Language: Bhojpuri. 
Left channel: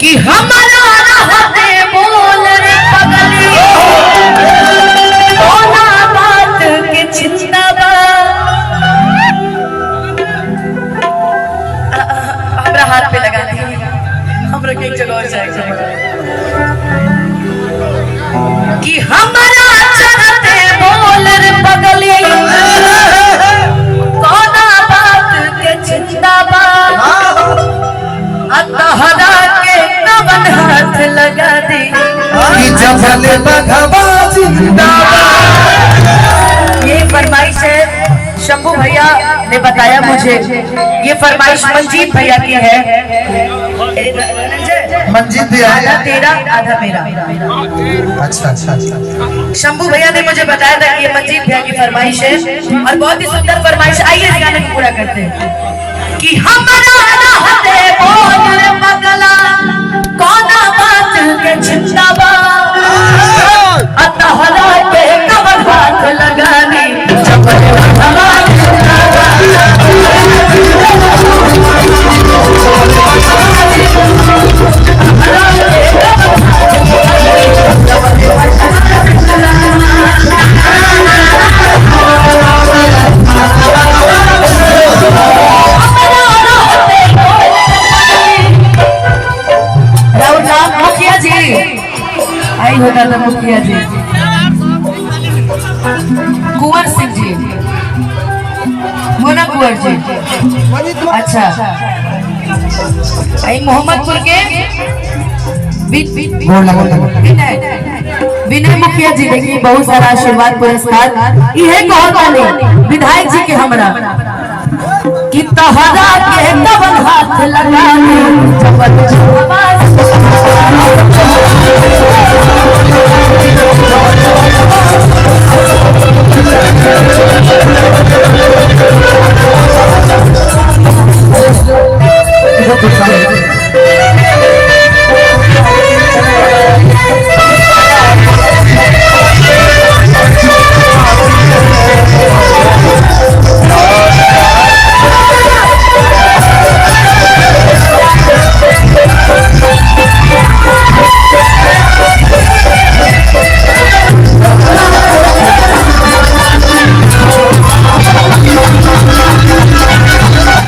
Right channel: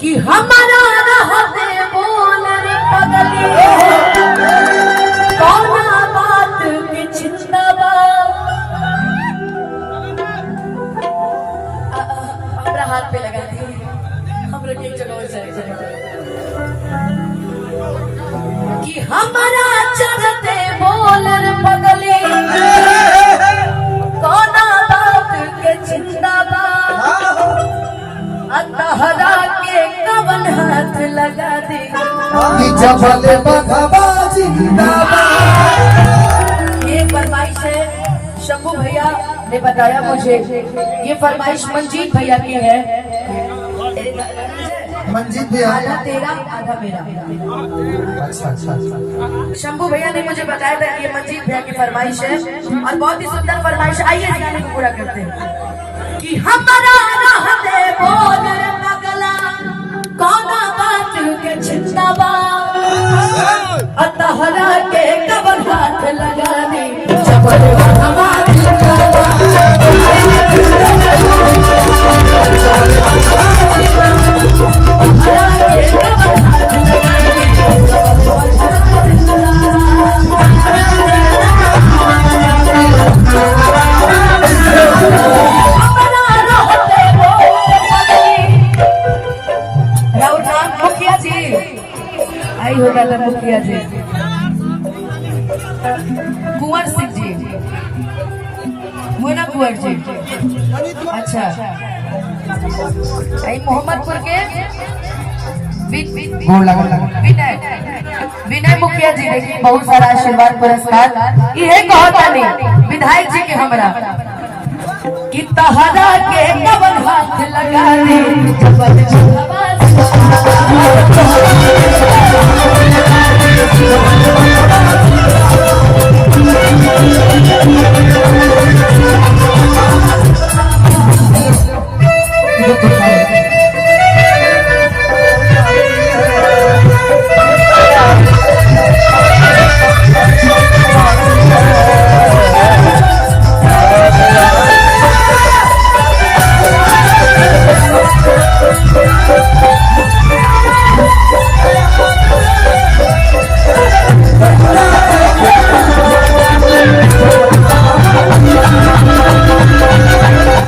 कि हमारा रहते बोल रे पगली कोना बात के चिंता बा हमरा हाथ पे लगा दी हमरा के एक जगह और जाएगा कि हमारा चलते बोल रे पगली कोना बात के चिंता बा अतहरा के कवन हाथ लगा दी कि जबल बघवा जिंदा। ये फरमाइश है शंभू भैया ने बताया मुझे, ये फरमाइश मंजीत भैया की है। मंजीत भैया आधा तेरा आधा मेरा। अच्छा अच्छा अच्छा। शंभू भैया ने मुझे बताया था कि ये मंजीत भैया की फरमाइश है और बहुत ही सुंदर फरमाइश। आइए इस गाने को पूरा करते हैं कि हमारा रहते बोल रे पगला कोना बात के चिंता बा अतहरा के कवन हाथ लगानी जबल बघवा जिंदा बा। आई होता था मुखिया जी कुंवर सिंह जी मोना कुंवर जी। अच्छा आई मोहम्मदपुर के विनय मुखिया जी देखिए बहुत सारा आशीर्वाद पुरस्कार इहे कहता नहीं विधायक जी के हमरा कि तहरा के कवन हाथ लगा दे जबल बघवा